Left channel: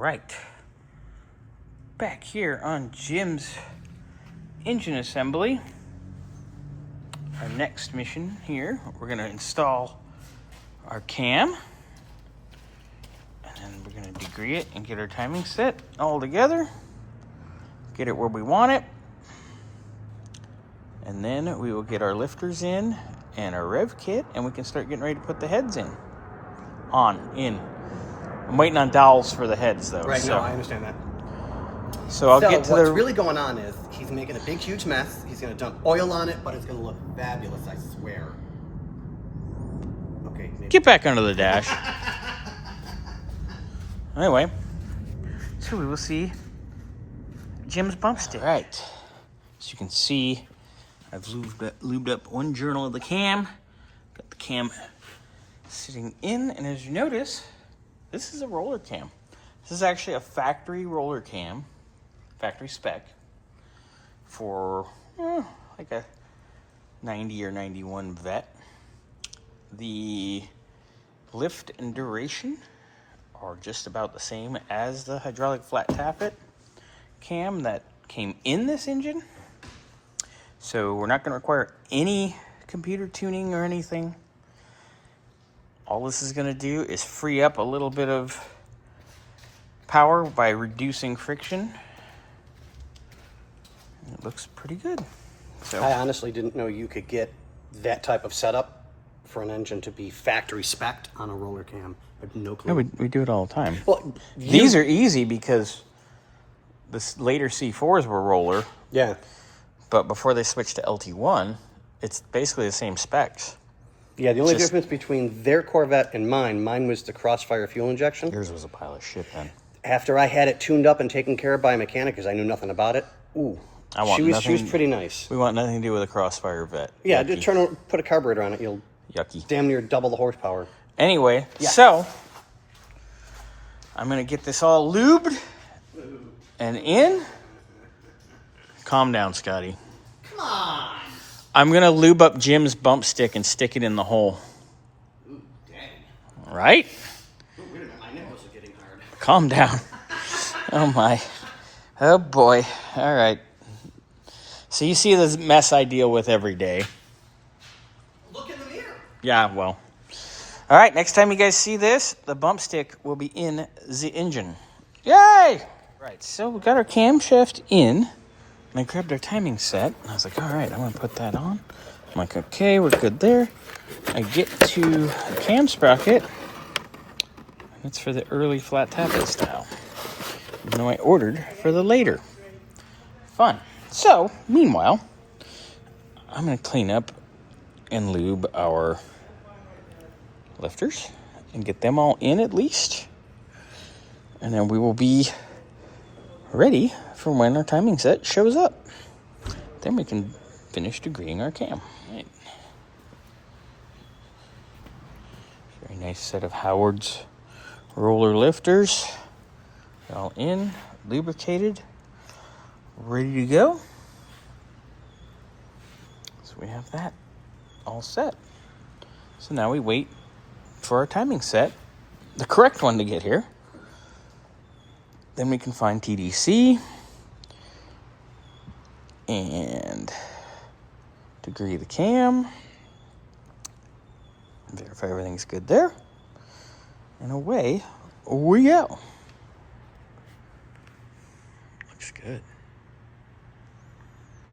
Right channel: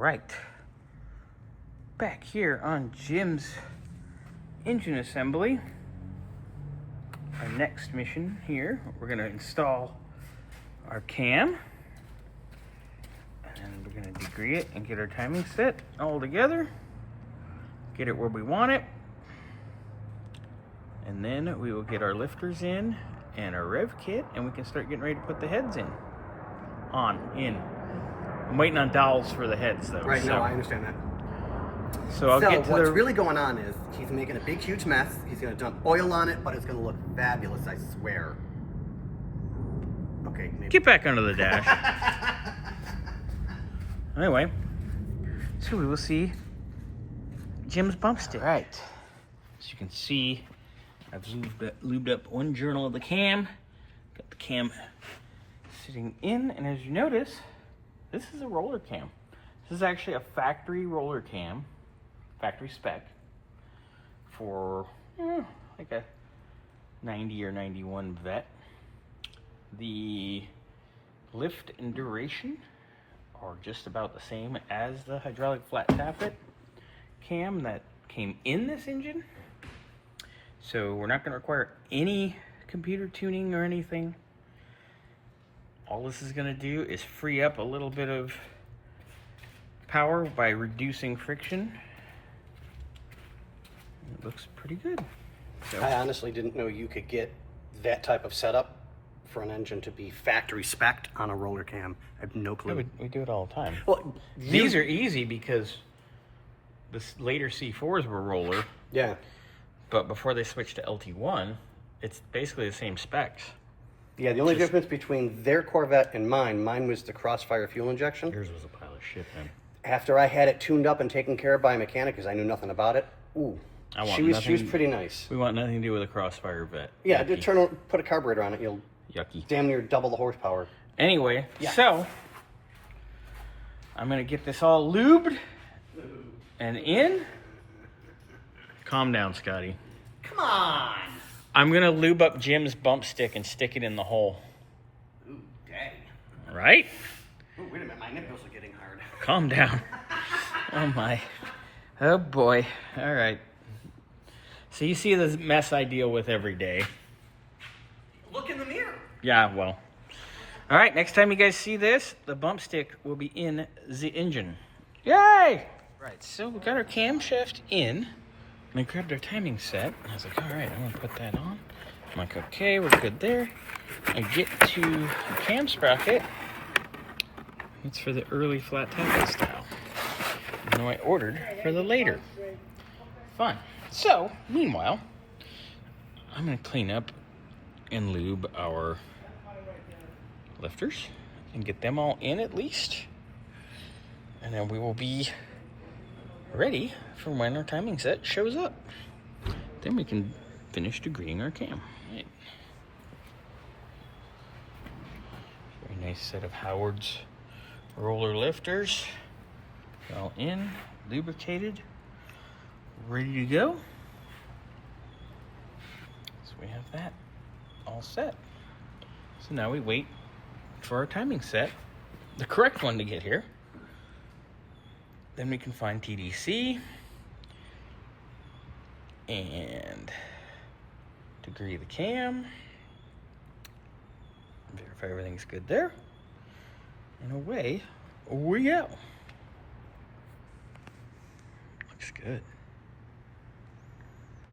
right. Back here on Jim's engine assembly. Our next mission here, we're going to install our cam. And then we're going to degree it and get our timing set all together. Get it where we want it. And then we will get our lifters in and our rev kit, and we can start getting ready to put the heads in. I'm waiting on dowels for the heads, though. Right, no, I understand that. So I'll get to what's really going on is he's making a big, huge mess. He's going to dump oil on it, but it's going to look fabulous, I swear. Okay, maybe. Get back under the dash. Anyway, so we will see Jim's bump stick. All right. As you can see, I've lubed up one journal of the cam. Got the cam sitting in, and as you notice, this is a roller cam. This is actually a factory roller cam, factory spec, for like a 90 or 91 Vet. The lift and duration are just about the same as the hydraulic flat tappet cam that came in this engine. So we're not going to require any computer tuning or anything. All this is going to do is free up a little bit of power by reducing friction. It looks pretty good. So I honestly didn't know you could get that type of setup for an engine to be factory spec'd on a roller cam. I have no clue. no, we do it all the time. Well, These are easy because the later C4s were roller. Yeah. But before they switched to LT1, it's basically the same specs. Yeah, the only difference between their Corvette and mine was the crossfire fuel injection. Yours was a pile of shit then. After I had it tuned up and taken care of by a mechanic, because I knew nothing about it, she was pretty nice. We want nothing to do with a crossfire Vet. Yeah, just put a carburetor on it, you'll Yucky. damn near double the horsepower. Anyway, so I'm going to get this all lubed and in. Calm down, Scotty. Come on! I'm going to lube up Jim's bump stick and stick it in the hole. Ooh, dang. Right? Oh, wait a minute, my nipples are getting hard. Calm down. Oh, my. Oh, boy. All right. So you see this mess I deal with every day. Look in the mirror. Yeah, well. All right, next time you guys see this, the bump stick will be in the engine. Yay! Right, so we got our camshaft in. And I grabbed our timing set. And I was like, all right, I'm going to put that on. I'm like, okay, we're good there. I get to the cam sprocket. It's for the early flat tappet style. Even though I ordered for the later. Fun. So, meanwhile, I'm going to clean up and lube our lifters and get them all in at least. And then we will be ready for when our timing set shows up. Then we can finish degreeing our cam. Right. Very nice set of Howard's roller lifters. They're all in, lubricated, ready to go. So we have that all set. So now we wait for our timing set, the correct one to get here. Then we can find TDC and degree the cam, verify everything's good there, and away we go. Looks good.